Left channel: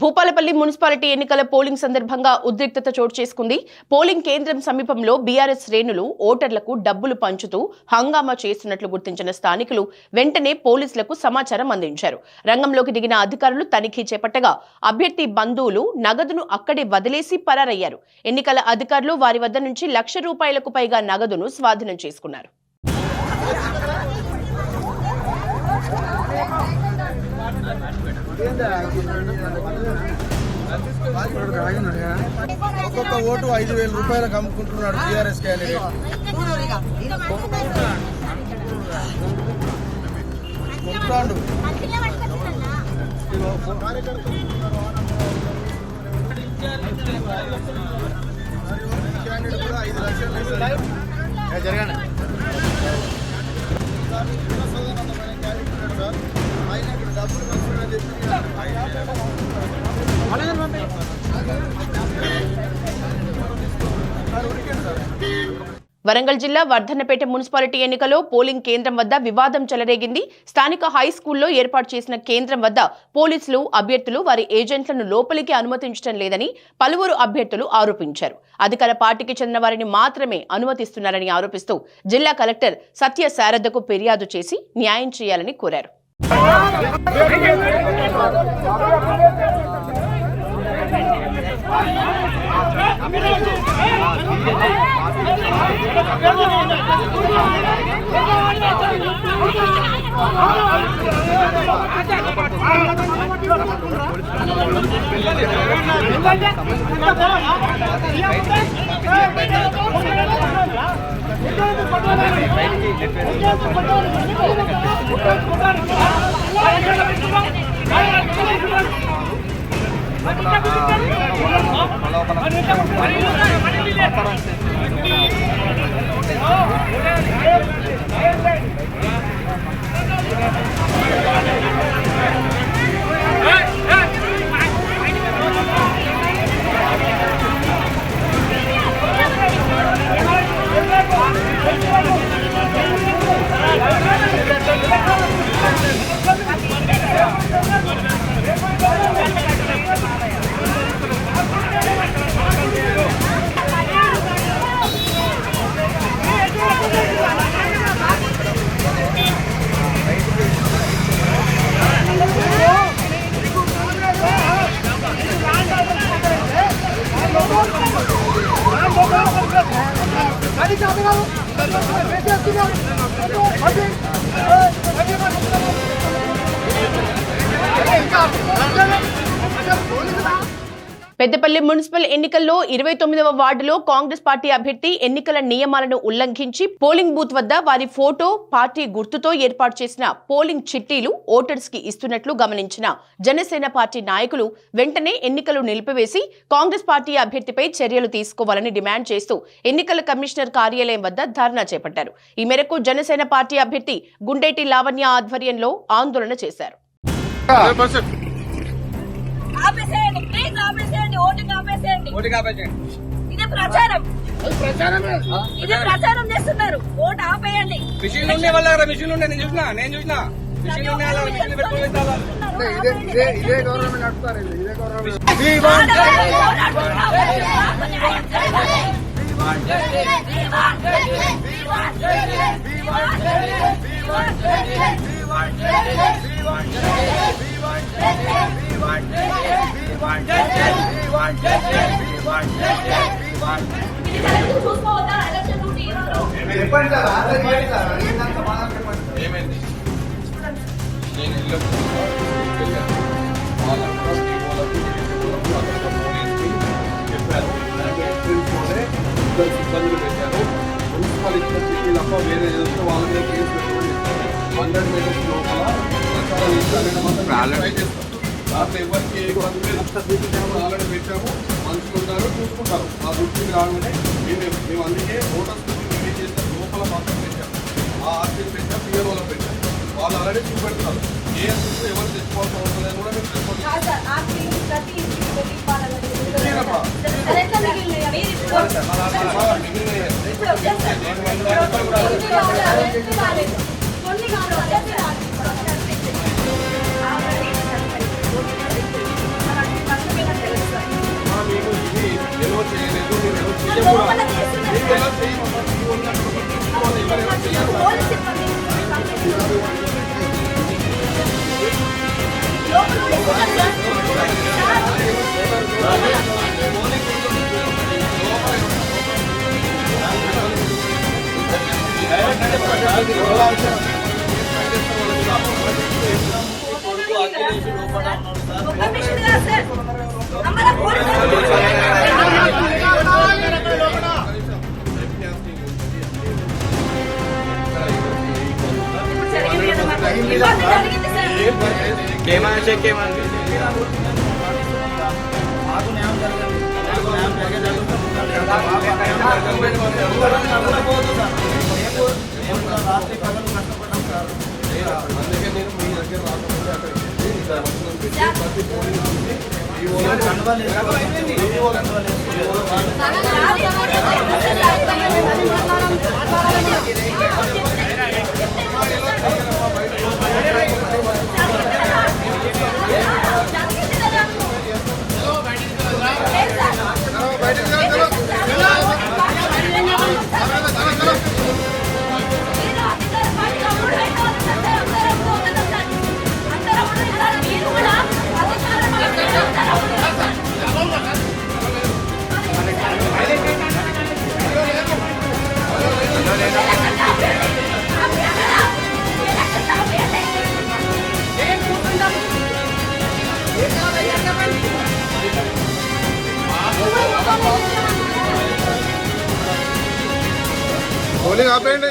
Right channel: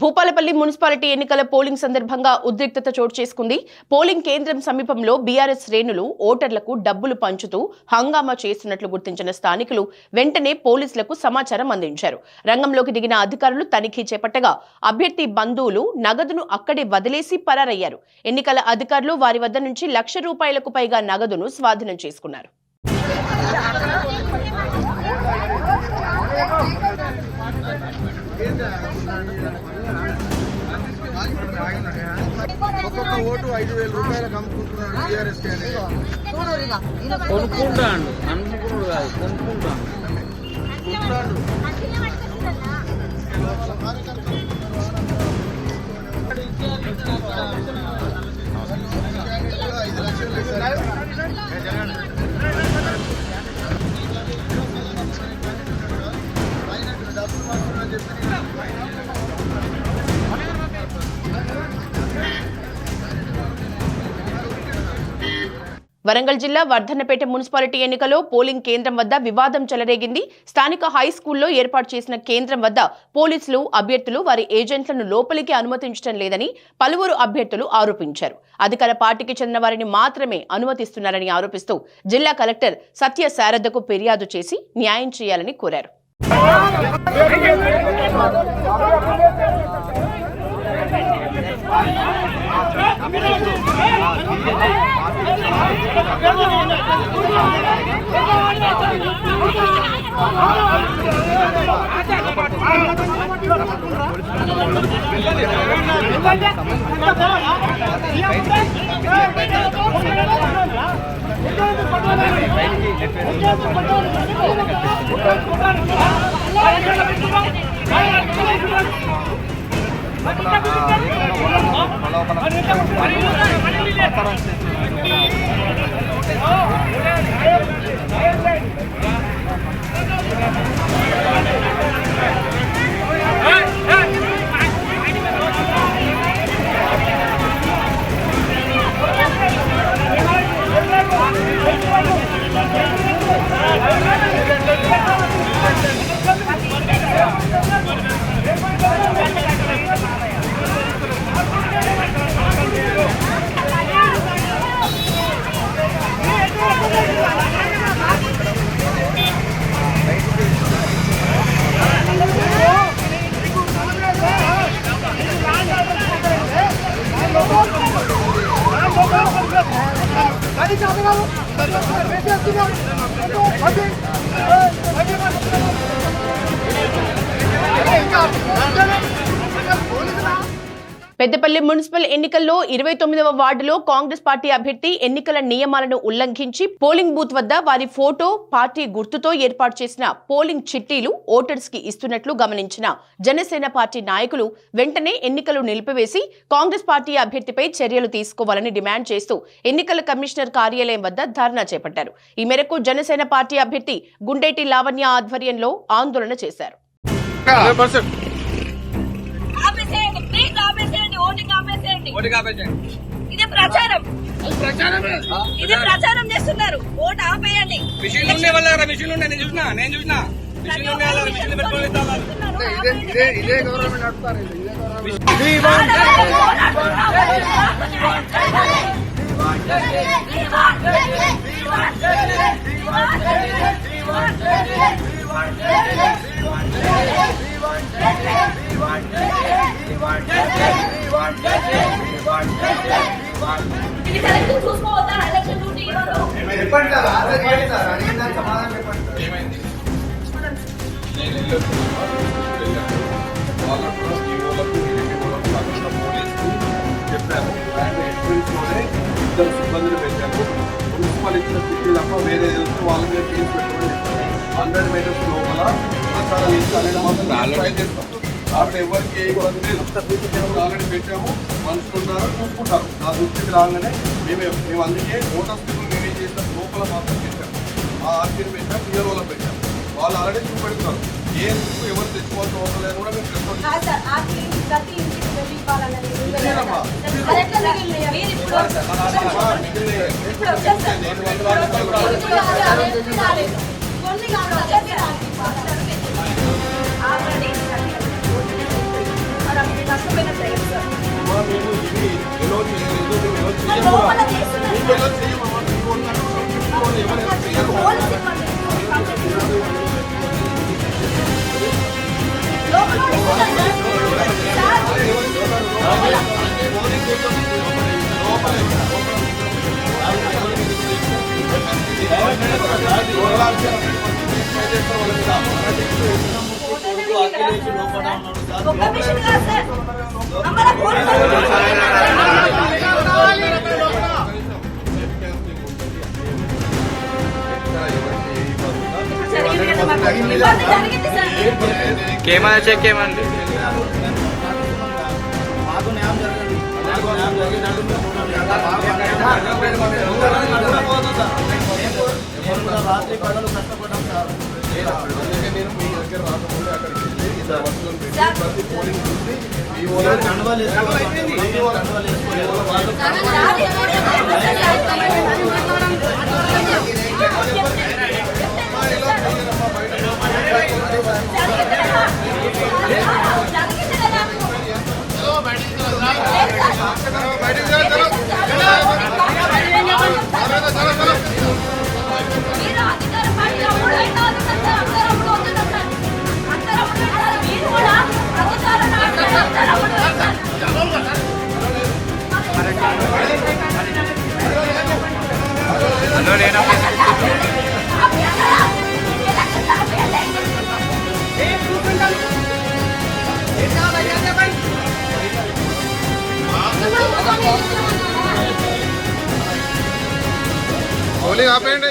Bhupalpally municipality ఎన్నికల polling సందర్భంగా ఉద్రిక్తత చోటు చేసుకుంది. పోలింగ్ కేంద్రం సమీపంలో బీఆర్ఎస్ శ్రేణులు ఓటర్లకు డబ్బులు పంచుతూ హంగామా చేస్తున్నట్లు గుర్తించిన స్థానికులు వెంటనే పోలీసులకు సమాచారం అందించారు. రంగంలోకి దిగిన అధికారులు తనిఖీ చేపట్టగా అభ్యర్థి బంధువులు నగదును అక్కడే వదిలేసి పరారయ్యారు. ఎన్నికల అధికారులు వారి వద్ద నుంచి ₹1,00,000కు పైగా నగదును స్వాధీనం చేసుకున్నారు. వరంగల్ జిల్లా వర్ధన్నపేట మున్సిపాలిటీ ఎన్నికలో పోలింగ్ కేంద్రం వద్ద వివాదం చెలరేగింది. స్థానిక హై స్కూల్లో ఏర్పాటు చేసిన కేంద్రం వద్ద పోలీసులు అభ్యర్థులు వారి ఏజెంట్లను లోపలికి అనుమతించడం లేదని పలువురు అభ్యర్థులు ఆరోపించారు. అధికార పార్టీకి చెందిన వారిని మాత్రమే అనుమతిస్తున్నారని ఆరోపిస్తూ జిల్లా కలెక్టర్ సత్య శారదకు ఫిర్యాదు చేసి న్యాయం చేయాలని కోరారు. పెద్దపల్లి మున్సిపల్ ఎన్నికల్లో 29వ వార్డులో కాంగ్రెస్ పార్టీ అభ్యర్థి ఎన్నికల నియమాలను ఉల్లంఘించి పోలింగ్ బూత్ వద్ద వారి ఫోటో పార్టీ గుర్తుతో ఏర్పాటు చేసిన పోలింగ్ చిట్టీలు ఓటర్స్ కి ఇస్తున్నట్లు గమనించిన జనసేన పార్టీ నాయకులు వెంటనే ఎన్నికలు నిలిపివేసి కాంగ్రెస్ పార్టీ అభ్యర్థిపై చర్యలు తీసుకోవాలని డిమాండ్ చేస్తూ ఎన్నికల కమిషనర్ కార్యాలయం వద్ద ధర్నా చేపట్టారు. ఈ మేరకు జనసేన పార్టీ అభ్యర్థి గుండేటి లావణ్య ఆధ్వర్యంలో ఆందోళన చేశారు. ఇది ప్రచారం చేస్తున్నారు. ఓటు ఆపేయండి. చెప్పారు. ఇబ్బందులు పెట్టారు. మున్సిపల్ ఇచ్చిన సిటీ తప్ప వేరే ఏదో వాళ్ళ మీద కేసు పెట్టుకొని 100 మీటర్స్ లోపల ప్రచారం ఇస్తానని మాత్రం ట్రై చేస్తాం. దాంట్లో ఎవరికి ఏ ఇబ్బంది లేదు. ఆల్రెడీ పెట్టాము. మనుషులు ఉంటారు, చూసుకుంటారు. ఆ దృష్టికి రాగానే మేము అందుకే ఓటర్ స్కూల్ మేమే చేస్తాం. లోపల మాత్రం పెట్టాము. ఆ ఆర్టీని పెట్టాం, పిల్లల వాళ్ళకి పెట్టాం. వాళ్ళు ఆల్రెడీ చూపెడుతున్నారు. ఏ ఎందుకు ఎవరు తెచ్చుకోవాల్సిన అవసరం లేదు కూడా మేము రెస్పాన్స్ మిగిలిన ఇది ఎలా చేయలేదు, మీరు ఎలా చేయకూడదు. లోపల చేస్తున్నారు. మీరు ఎలా చేయమమ్మా, మీ వాళ్ళు ఎవరు చేయరు. పోలీస్ సిబ్బంది. లోపల చేస్తున్నారు సార్. ఒక్క మిషన్ కాదు సార్. అమ్మలా పోలీసు జరిగింది సార్. కేమన్నా చెక్ ఏమండి మాకు న్యాయం జరగండి. రాత్రి పగలు కష్టపడ్డాం సార్. అందుకే నేను మీ దగ్గర రాకముందే అక్కడికి వెళ్ళి ఇలా వస్తువులను పెట్టి ప్రతి పోలింగ్ చూసి ఈ ఓనర్ కండువాలు వేసుకోవాలి. కండువాలు వేసుకోవాలి. హలో నేను పోలింగ్ ఆపేయండి.